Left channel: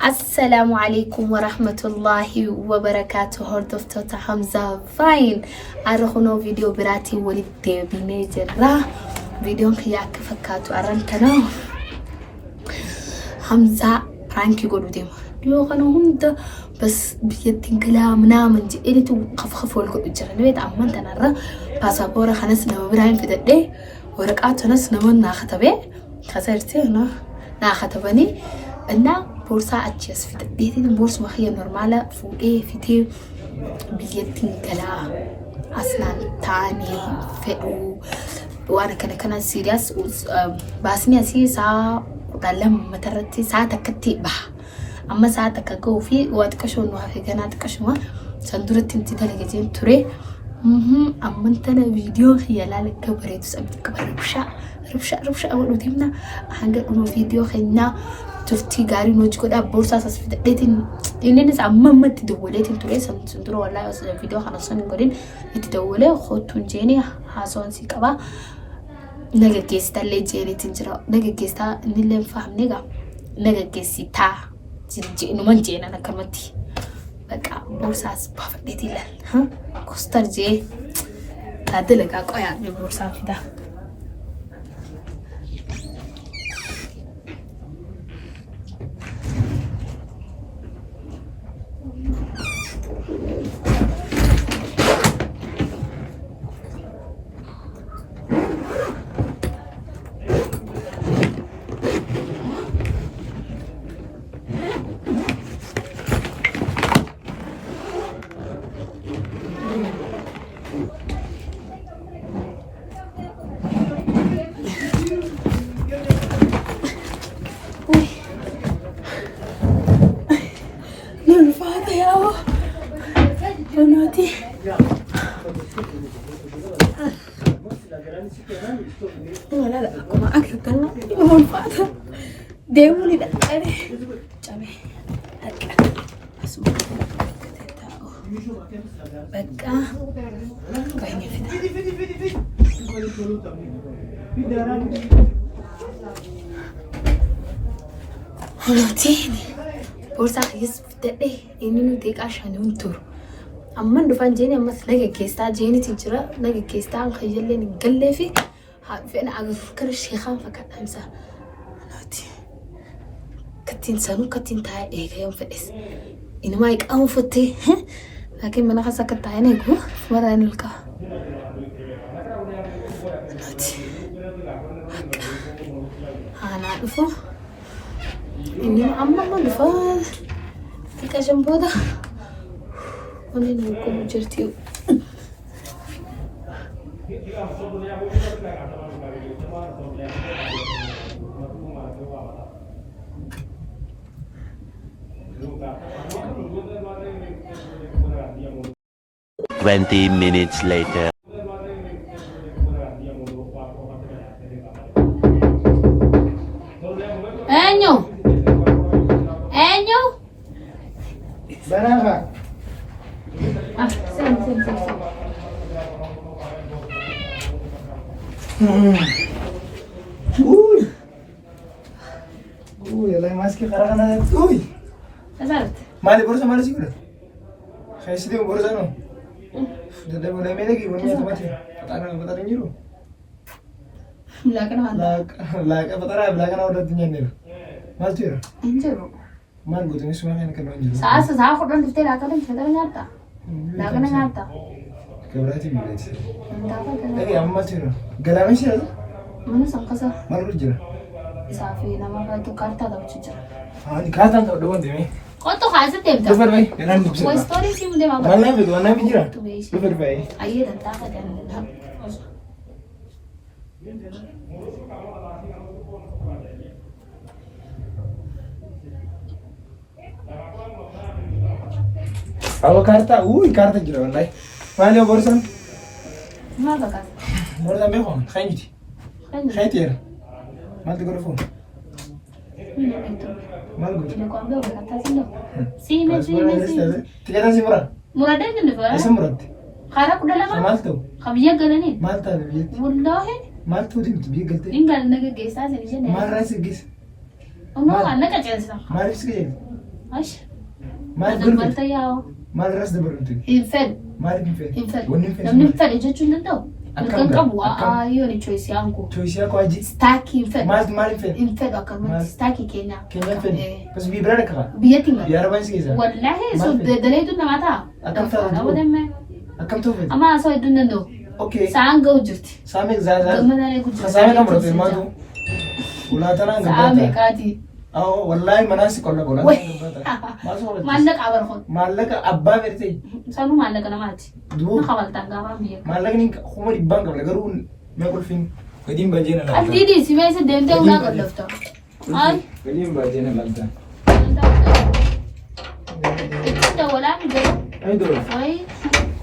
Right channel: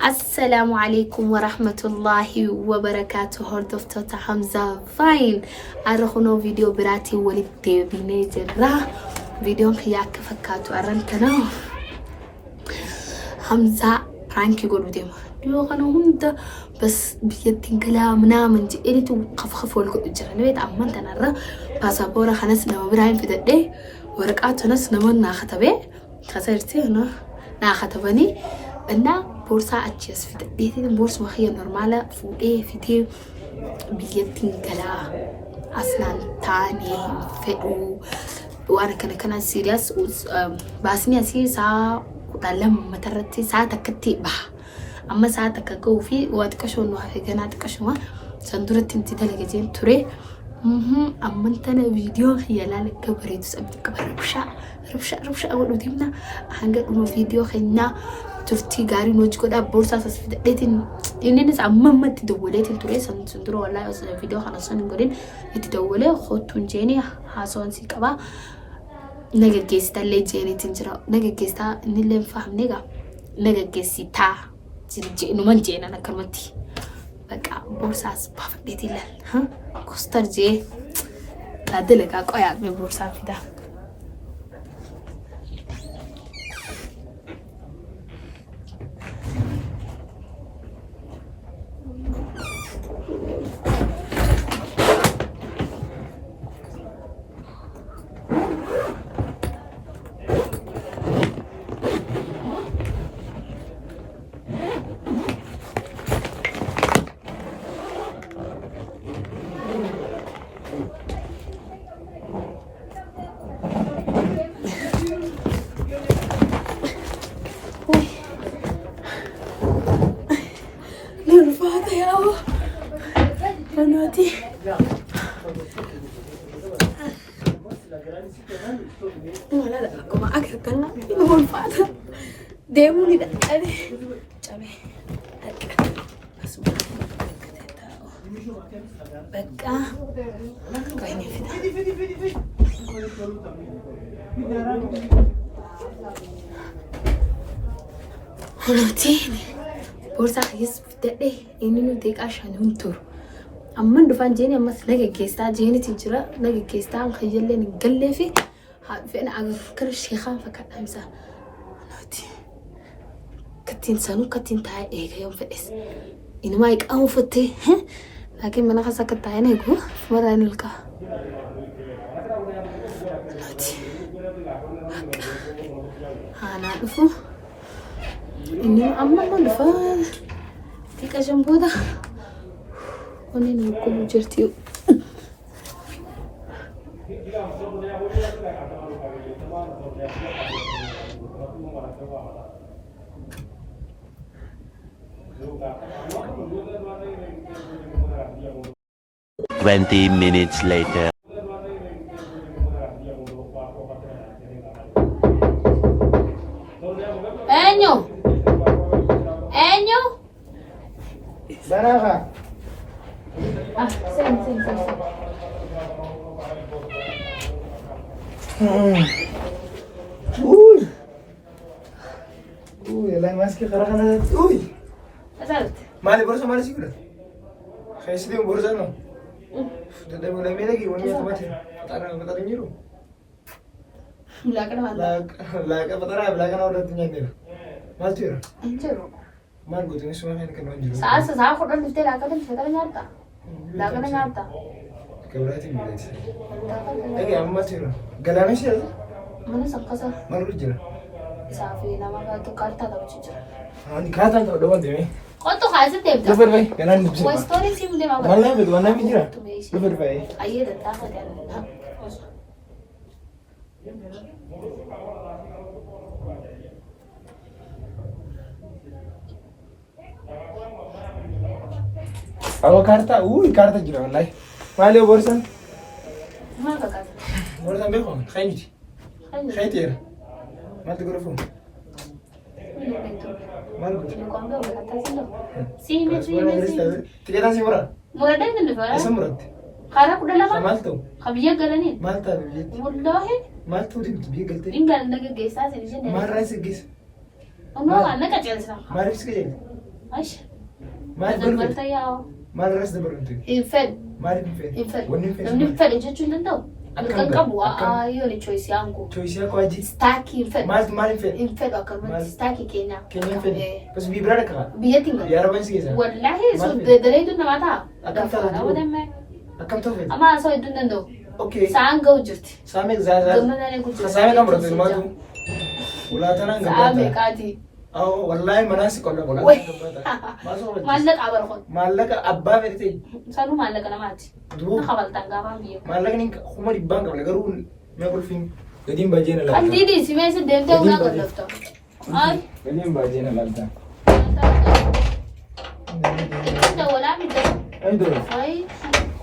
السلام عليكم ورحمة الله وبركاته. هردفتو حمزة فاين أرخونو فيديو براتي ولد بيني جرا فيديو خياك فكاتو أرنتنا حمزة برانكي قولو ديما ديو غنو هندا بس بيدين كلامنا من جي إني تو خف ولكو إجرا نبيت أمان تنرى باسابورا خنس نما براين في دقي ورقاتو نس نمون ناختبه خسرتي هنا ناختبني أنا بورصة أتجس في دقيقتي بورصة وخية نورمالة فوقيه فيديو بيدين كلا أصلا تاني فئو وأنا كان سيريس باسني أسي ساعة وطالما مترتي ساعة تكتي بح أما ساعة تكجو في واتكشون وهاي كانت كشوا سندرت انتي تلاقيين تري أما أنتنا فيديو خيالا لك كبريت سأبدي كبر ربشة أول وديمنا هنقول إنه فيديو خينا تفتي قاري نوجي كده بورصة سفيدة ليتين إننا ما تدولتين تري سندرو والله بس الفيديو خلاص نقولين تدولة خدتون جيني هاسون سيكابا نجا كيستا اللي جيني تنجرا نجا كيستا نيلي نفهم نجا كيستا جي إنه من جينا أنا كلمتي بقى بورصة سبافدتي لال ها كوستر جي هذا لك أقوى بورصة فيدا بناتي لا ما أكثر كلام هون فاضي ديموني ده أنا جامي هكا أسمع بقى كاينة فينا هلوتيني بورصة خيس بدأي إني نوديك عشان ينطر أما ندفن جيني أما نجا كيستا جيني تجرا نجا كيستا نخيل لي نقلي في فأنا أفكر الشيخان فكان أمسا نوتي كتين سانو كتين تاي إيه يوم فلس إنما يك أم فتي لكن من خاصة كتاي نيجو مرة نلقى نوتي أنا أعرفه إني أما ما دفن تيك جنبودا وني نقوم جرتي Twenty minutes later. Enyo. Berapa? Sini. Yang masih karangan ada. Asal. Mali borsa mali sih udah. Kayak sih dia borsa no. Sudah mulai lagi punya tempat ya. Petani nyiru. Belakang mana? Belakang udah punya nyiru. Mal tuh. Anjir. Mal gue tuh semua kan nyiru. Saya kok dan detail akan sebentar nyata. Belakang nyata. Keberarti bila sih. Lagi amma tuh. Galamnya sih ada. Mana sangkasa? Mal rujur. Safi nama itu karta tahu cuci. Ini karta tahu doang deh. Kau tuh kasih tem. Lepas bayi, jangan dipikir. Kau story sih mulai mau. Mana betul, mana bicara. Lepas bayi. Ayah dan tak ada. Aku karta juga kan, Mana borsan? Mana kasih? Borsan berapa? Khair. Mal tu korang. Mal gue. Nikuambia ukakatazi ndo. Sime. Tiga nasi murah. Murah deh nih Farah. Asa murah. Karena udah lama. Mal tu. Kabiya galani. Mal tu lebih. Wallahi. Mal tu di galte. Ingal naga gesa sini sini. Mal rasa gis. Ono naga chelsea. Mal rasa gis. Ash. Maal Dabarta yaa'u. Maal irras dabartu? Hin fedhu. Maal hin fedhu? Hin fedhu. Wanni hin fedhu. Namni hin fedhu jechuun danda'u. Akkam Mirga qabu akkam? yoo ni choice yaangu. Choisii akka wajji. Staakii hin fedhu. Maal hin fedhu? Hin fedhu akkanumatti staakii keenya. Keenya hin fedhu. Bas biyya biraa dhaqqa. Biyyatti hin Biyya arabaan si keessa. Wallahi Maal so fedhu? daleetu namaa ta'a. Akkam ta'a? Dafaadha wadamee. Akkam ta'u fedhu? Amma asoo hedduun danda'u. Okay. Sa'aan ga'u jirti. Saamee zaa. Gammadaan eegu jirti. Saamee kan murate maatu. Ulaatanaan Sa'aa gabbata. meeqaati? Wallahi manaan si qonna ulaatanaan gabbata. Maal soo wajji? Maallaqa abarkoon. Maallaqa abbaa feetee. Sanuu maallaqa namaati. Duuba. Na kabaltaan gaafaan biyya. Maallaqni kuma dhibbaan qabla garuu mee qulfiin gadiin baajee na laata. Aldiidii si meeshaa deemtee ulaa qallafta. Maal? Gadiin baajee na laata. Dawalaa mi jedhu? Ayi dura. Wayi.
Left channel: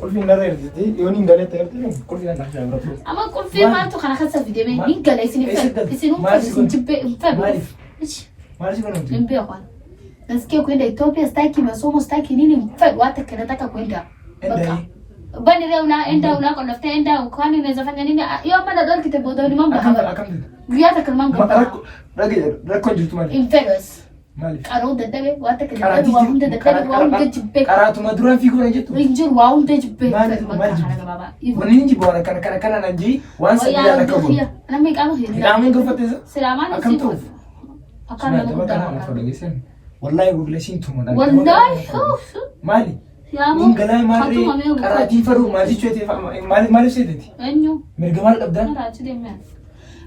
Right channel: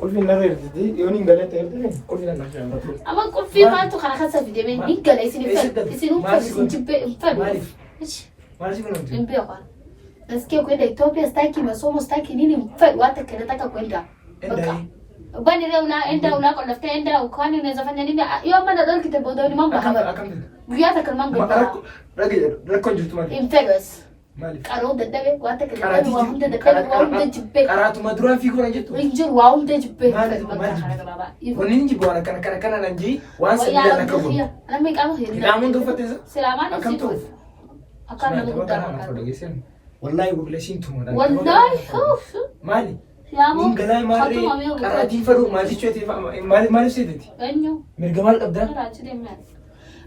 Qulfiin narra ergite yoon hin galee ta'e qulfiin na shaamratu. Amma qulfii maaltu kana keessa fidee hin galee isin hin fedhu. Isin hin jibbee hin fedhu. Maaliif? Maal si kunuunti? Hin beeku. Nasikia kwenda Ethiopia staki masomo staki nini mfedhu hata kinataka kwenda. Enda. Bani ula enda ula kwa lafta enda kwani unaweza fanya nini? Hiyo maana dole kitebodo ni mambo hapa. Akam. Guyata kan mambo. Rakko jirtu maali? Infedus. Maali? Qaroo daddabe wata kan waa hunda daddabe waa hunda jibbe. Qaraatuma duraan fiigoo na jettu. Injir waa hunda jibbe. Maali baba. Wanni inji boona kana nan jii waan sabila na qabu. Ana me qaama hiri. Qaamen gofate Salaamani akam ta'u. Akam na guddaa na fodogesen. Wallahi gugleeshin tumuudha. Wallahi. Maali? Nin galaa maarree qaraatii fadhu maatii chootee maaliif seeteti? Eenyu? Mirga maal qabdaa? Raachi deemen.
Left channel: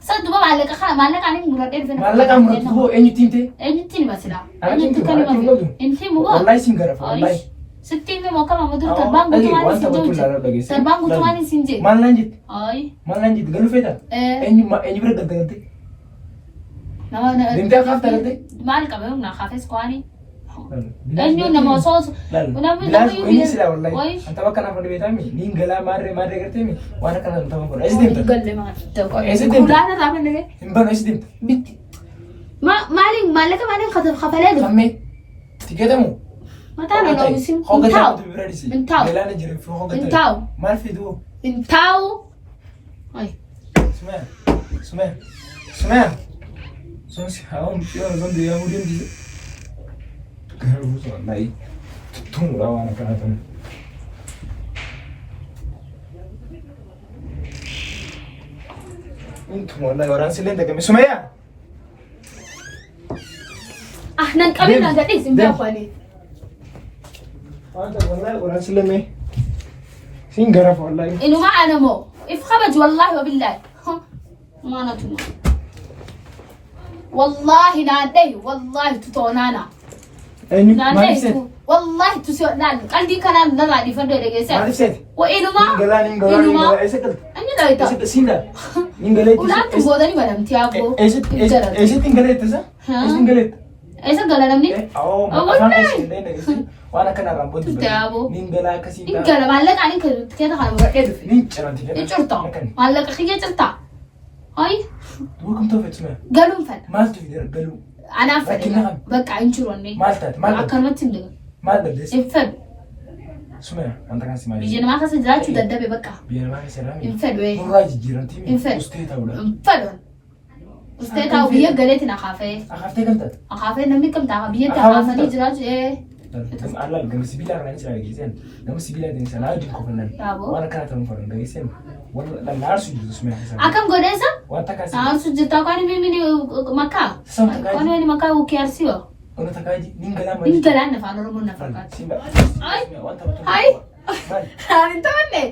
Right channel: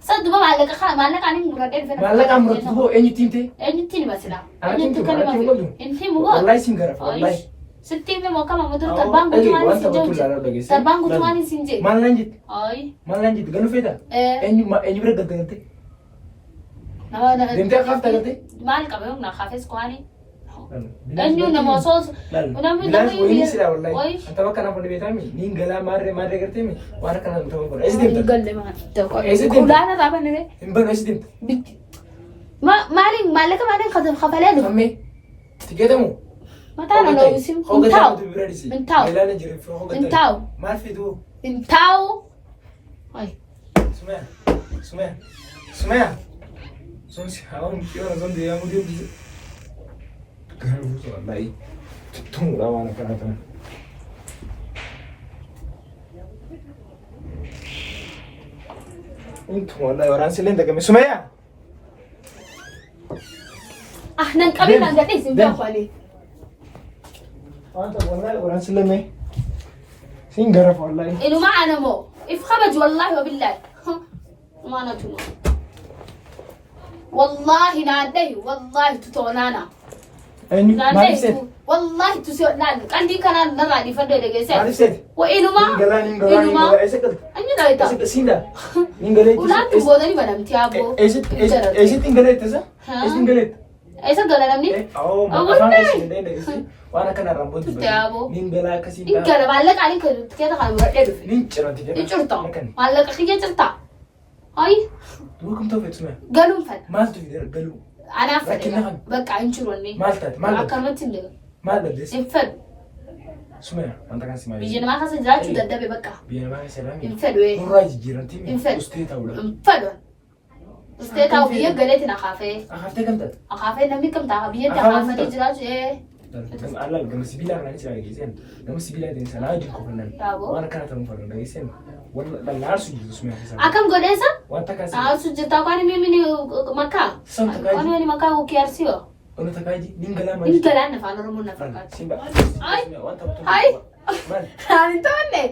Sadduba maallaqa ani muradee dhufee. Maallaqa muratu hoo eenyutti himte? Eenyutti hima silaa? Eenyutti hima? Inti mugo. Wallahi sin garafa wallahi. Sitti hime moo kama mudur tarbaan guutumaan isin jechuudha. Tarbaan guutumaan isin jechuudha. Maal nan jetti? Ayi. Maal nan jetti? Galuu feeta? Eenyu bira galgalte? Deemtee akaafta galte? Maal qaba yoo na kaafes kwaani? Eenyu nama osoo namni bilaas wayini sila wallahi anta bakka naaf beetami nin galaa maarree garteemi waan akkana ta'uu godha esi deemta galle maa esi deemta kulaana taapa nire hin bano esi deemta bitti maallaqa maaliin kafalee dhufu kamme tikeetamu mataan ol ofisin hooggantaa bira dhisi intaa'u galaana jiru fi hooggantaa intaa'u maal fidu intaa'u Sumaya sonsi hawa mkiwa zonde ya mudembi Garu so wallahi tun rawa na karata Intu wallahi waran silenda kame Sumaya nan qabina gadis in biya kwani Anta wallahi waran silenda Sin garaf wallahi inuma ana mo if kharaj wallahi wa billahi ma na tuma wallahi na dai wallahi tutonana Eni na dai wallahi tuso na kandi kana na na di fando daga sai Maliset wa inuma inuma esekal anyi da ita Esekal sinda Ningale ulan tu godani badam tiago Esit ingale tasa Esit ingale Esa gala namni Oh afan esit dene Wana kana rambon tiago Ningala kasi ingala malaka ani ka tiketa kana murade du Nin ciranti icurta malaka khiya cirta ay Welcome to Vietnam galum fal Mal tu galu ana fal baka inchuronni Maltat mal akalmatin daga mal dabdes infed Sumaya anta kan simali bijena ma kasa zaati daddabe baka Biya ma salami infed we Muraji jiranti mi Infed. Usteta wala infed ustata biya galeti na khafe Akafte kamta akhafe namni kam ta biya ta khafani jiraje Allah gama sibila kana cira gisen gama sibila din sana din ko nan Tabo. wana kana tan faru da gisen wala la su ji Sumaya akam godesa wata kasi sujita kwani mimi ni maka Sama kaji. kwani ni maka ukiarsio ona takaji ningala mali ingala na fano rumun na fakati Simba Ay. wanta betul Ay. Mal Antonne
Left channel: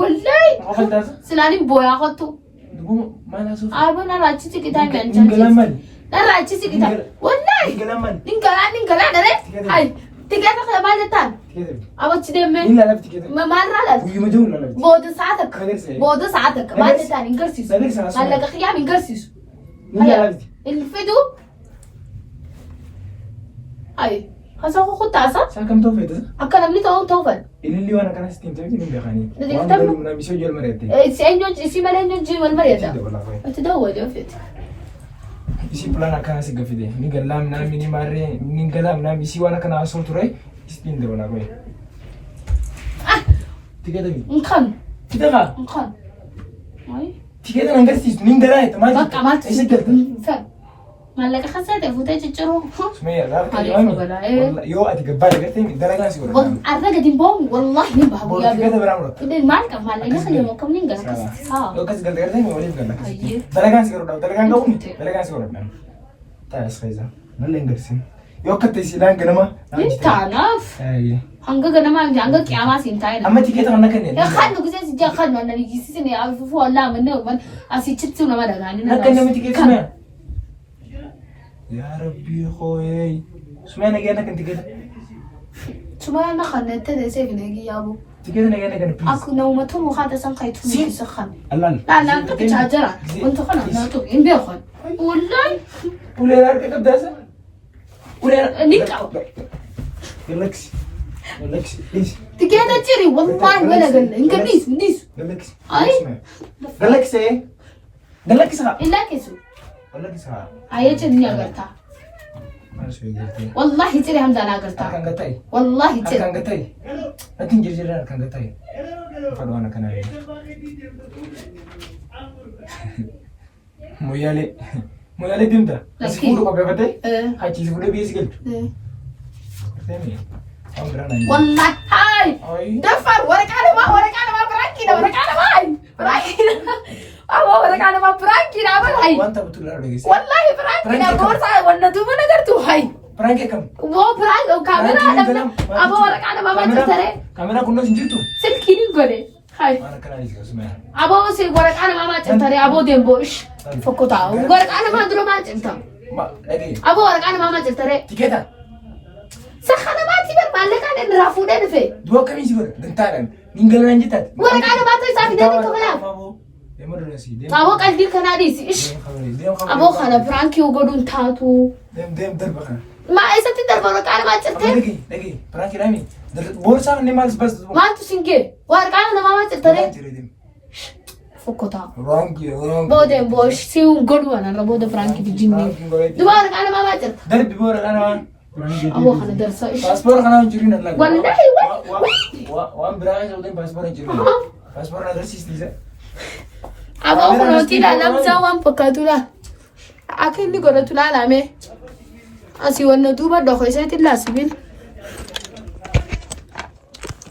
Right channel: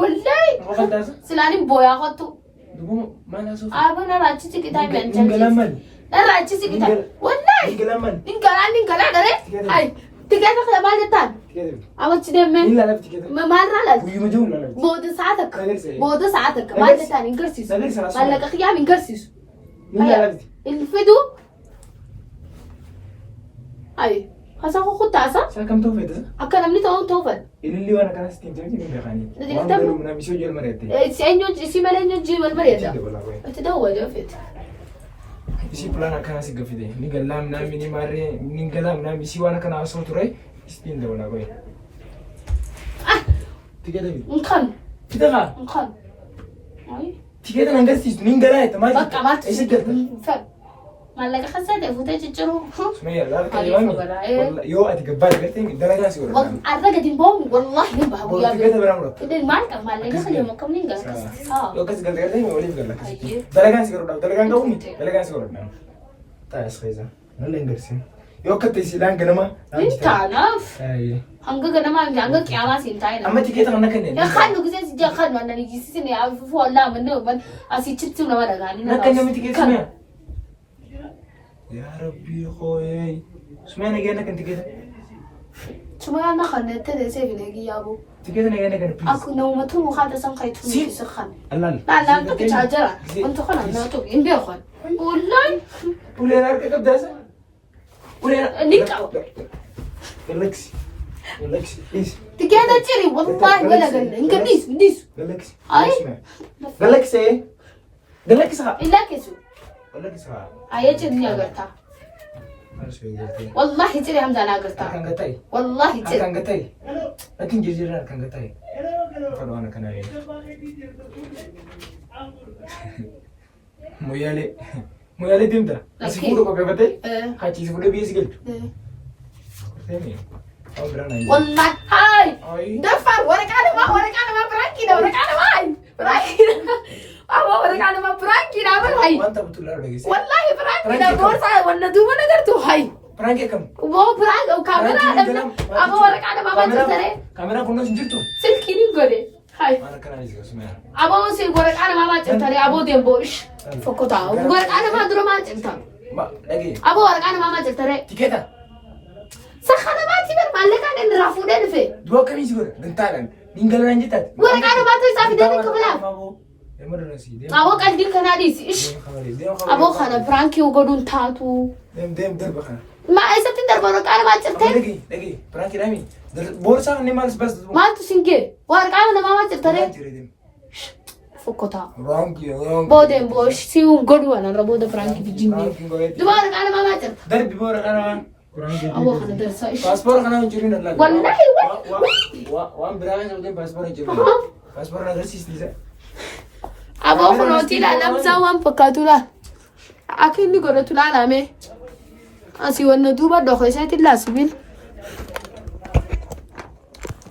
wallahi Wafaltas silani boya kotu Dugu mana su aba na rachi sikita kan Ningala mali na rachi sikita wallahi Ningala mali ningala dare ay tiketa ka baletan Tikete aba chidemme Ila la tikete ma marala Uyu majun la bodo saatak bodo saatak baletan ingarsis Salir sana wala ka khiyam ingarsis Ningala la الفيدو اي خلاص اخو خد تعصب Sakam to feta اكلم لي توفل Ilili wana kana stinta mti minga khani Nadi Wana kitabu. galu na misho jol marete سينيو سي مالينيو جي والمريضه Tide wala we تدور يا فيت Isi plana kana si gafide Ningala mna mini mare Ningala mna misi wana kana aso turai Istinde wala we Tikete mi نخن Kita ka نخن اي Tikete nangasi Ningala ita maji بقى ما Isi galta فهم مالك خسرت فوتي تجرو سمية لا يو أتقبل قلت لي درجة سيقول والله أرجع دينبون والله نبه بقول كده برامرو إذا ما أنت مال إنك اللي مكمل نقص يو كاس قلت لي ولي بقول لك درجة سيقول درجة قومي درجة سيقول نعم تايس خيزة نلا إنجلسين يو كتير لان كنما تعرف هنگا كنما هنگا كياما سينتاين أما تيجي تغنى كنني يا خالد نقول زي جا خالد أنا نيجي سيني أعرف والله منه من أسي تشتو نما دعاني نكني ما تيجي سمع يا ربي خوي سمع أنا جانا كنت كده شو أنا خلنا تدري سيف نيجي يا أبو تيجي أنا جانا كنت بليز أكو نومة توم وخاطر سانخيت في سخن الله لا لا أنت كتشاجرة وأنت خنا لا تو ينبيه خن والله ولا لا كده بدأسة ولا نيكا ريلاكس ريلاكس إيش تكيدا تشري والله ولا قال إنك نيس ريلاكس أي ريلاكس إيه ريلاكس ها إلا كيسو ريلاكس ها أيه تني أقرتها ما شوي قلتي والله تري هم دانا أقرتها كان قتاي والله تري كان قتاي لكن جرجر كان قتاي فلو أنا كان أيه مويالي ديمدا أسيفورو ما بيبتة هاي سيفورو بيسي قلت والله هاي دفر ورك أنا ما براكي ورك أنا ما براكي أبو ورك أنا ما براكي لا هاي وأنت بتقول لا رجيس والله براكي لا بورصة ولا دوما نقدرتو هاي براكي كم مو براكي كاميرا أبو ورك أنا ما بتشتري كاميرا كنا سنجتو سلكيني قولي هاي أنا كنا نيجي اسمها أبو سي ورك أنا ما بتشتري أبو ديمبوش فكوتا ورك أنا ما درو ما بتشتري ما لقي أبو ورك أنا ما بتشتري تيكتا سخنا ما تبر مالك أنا نرافودين في دوا كم يسوي بنتاعن نينجلنا نجتات ورك أنا ما تسافي ده كملا أبو قلبي كناديس إيش أبو خنا برانكي وقولون تاتو دم دربخنا ما إذا تقدر ورك أنا ما تشتري لقي برانكي رامي بورصة نمالس بس ما تسنجي ورك أنا ما بتشتري فكوتا برانكي بودين بوش سيو قولوا أنا ربوده فرانكي بجيني دوارك أنا ما بتشتري درب بورك أنا أبو خنا درسا إيش باسبور خنا نجرين الله والله وان براغي زودين باسبور نجرين باسبور نجرسيس ديزا أبو خنا تيلا نبزا وان بكاتولا أكيد نقول تلا لامي أسي ونتوبة دخويسة تلا سبيل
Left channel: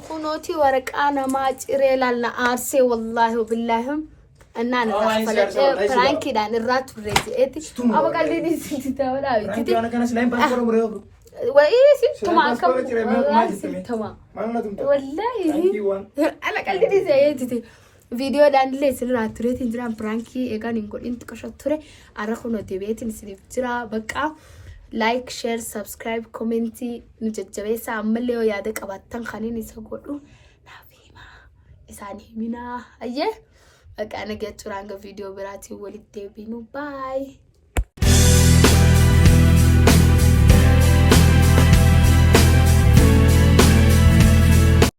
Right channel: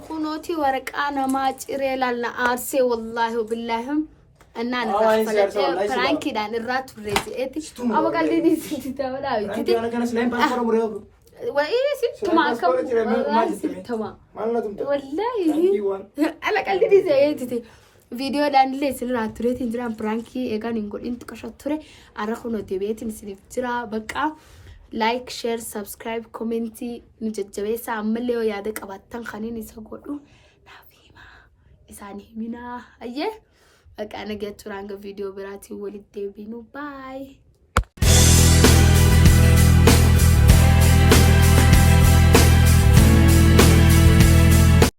خنوتي ورق أنا ما أجري لنا أرسي والله وبالله أنا نرفلت فرانكي دان الرات وريتي أبو قال لي نسيت تاولا فرانكي أنا كان سلايم باسبور مريض وإيه تمام تمام والله أنا قال لي زيتي فيديو دان لي سلنا تريتين جرام برانكي إيجان إنقول إنت كشطورة أرخو نوتيبيتين سليف جرا بقى لايك شير سبسكرايب كومنتي نججبيسا عمليو يادك أبطان خانين يساقولو نافيما إساني منا أيه بقى أنا جيت رانغ فيديو براتي ولد ديبينو باي